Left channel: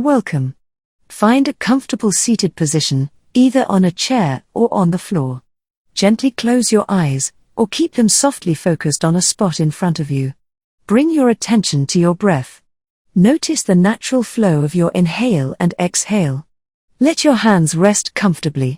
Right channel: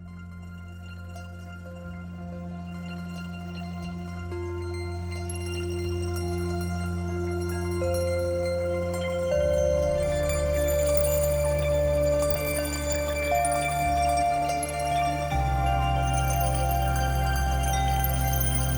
Welcome. Find a comfortable seated position, either on a chair or on the floor. Gently close your eyes, or keep them softly focused on a spot in front of you. Bring your attention to your breath. Notice the natural flow of your inhale and exhale. Let your hands rest comfortably.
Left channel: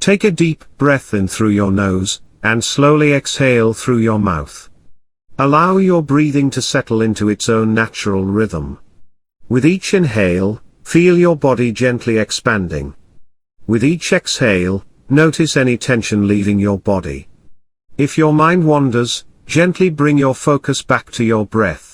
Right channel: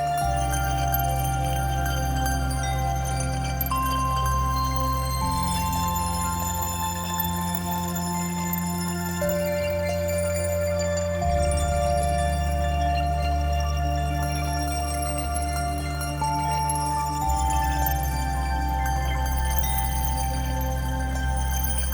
Take a deep breath in through your nose, and slowly exhale through your mouth. Allow your breathing to settle into its own natural rhythm. With each inhale, feel your body gently expanding. With each exhale, notice any tension leaving your body. If your mind wanders, gently bring your focus back to your breath.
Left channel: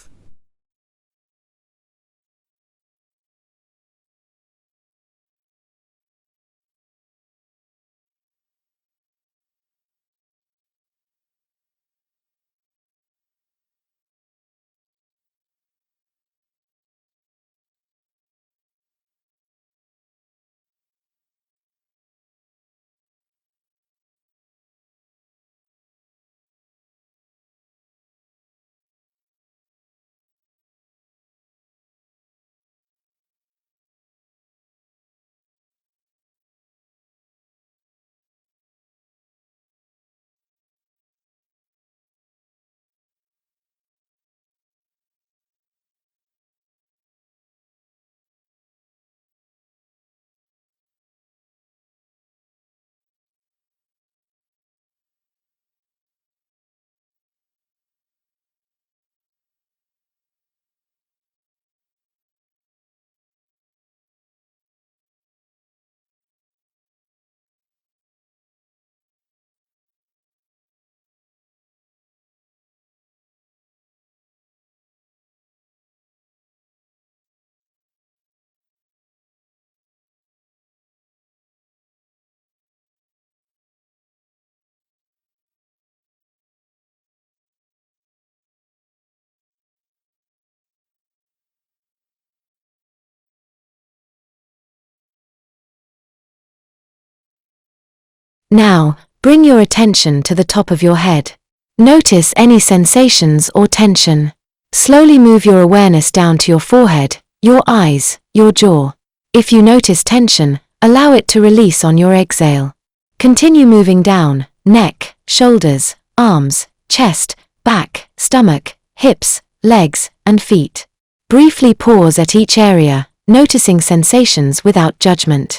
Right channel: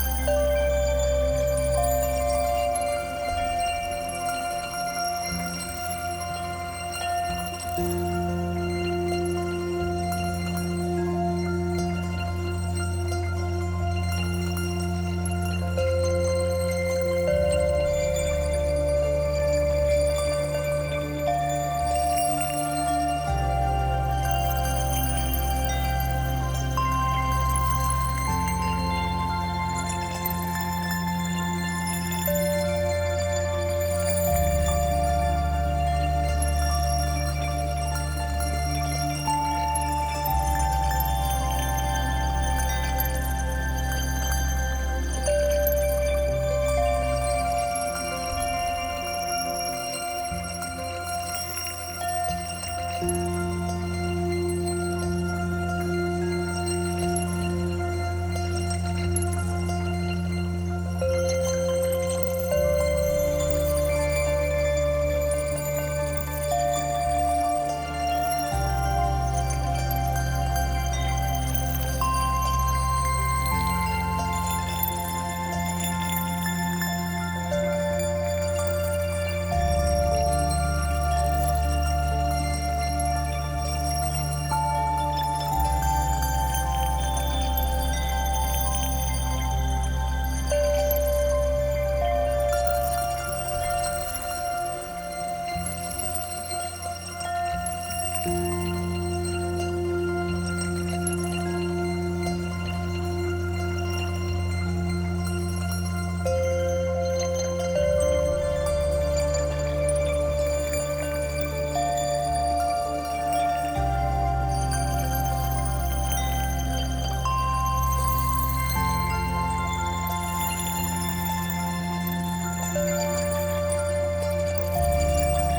Now, bring your attention to the top of your head. Notice any sensations or tension. Slowly move your awareness down to your forehead, your eyes, your jaw. If you notice tension, allow it to release on your exhale. Continue moving down, neck, shoulders, arms, chest, back, stomach, hips, legs, and feet. Briefly pause at each area, noticing sensations without judgment.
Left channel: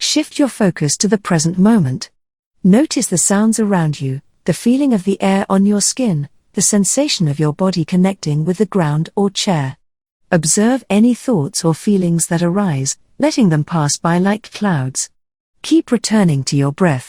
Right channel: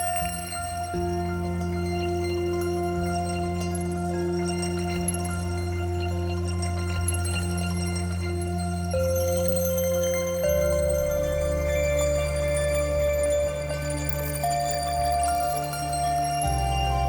Shift your focus to the present moment. Notice the sounds around you, the feeling of the air on your skin, the sensation of your body connecting with the ground or chair. Observe any thoughts or feelings that arise, letting them pass by like clouds. Keep returning to your breath.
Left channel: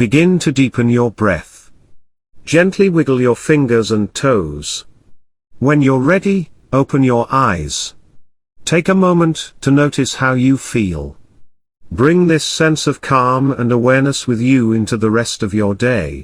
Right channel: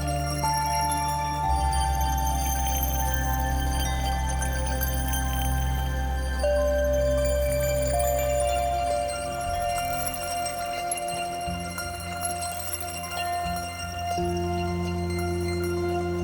Begin to deepen your breath. Gently wiggle your fingers and toes. When you're ready, open your eyes. Take a moment to notice how you feel. Bring this sense of calm and awareness with you into the rest of your day.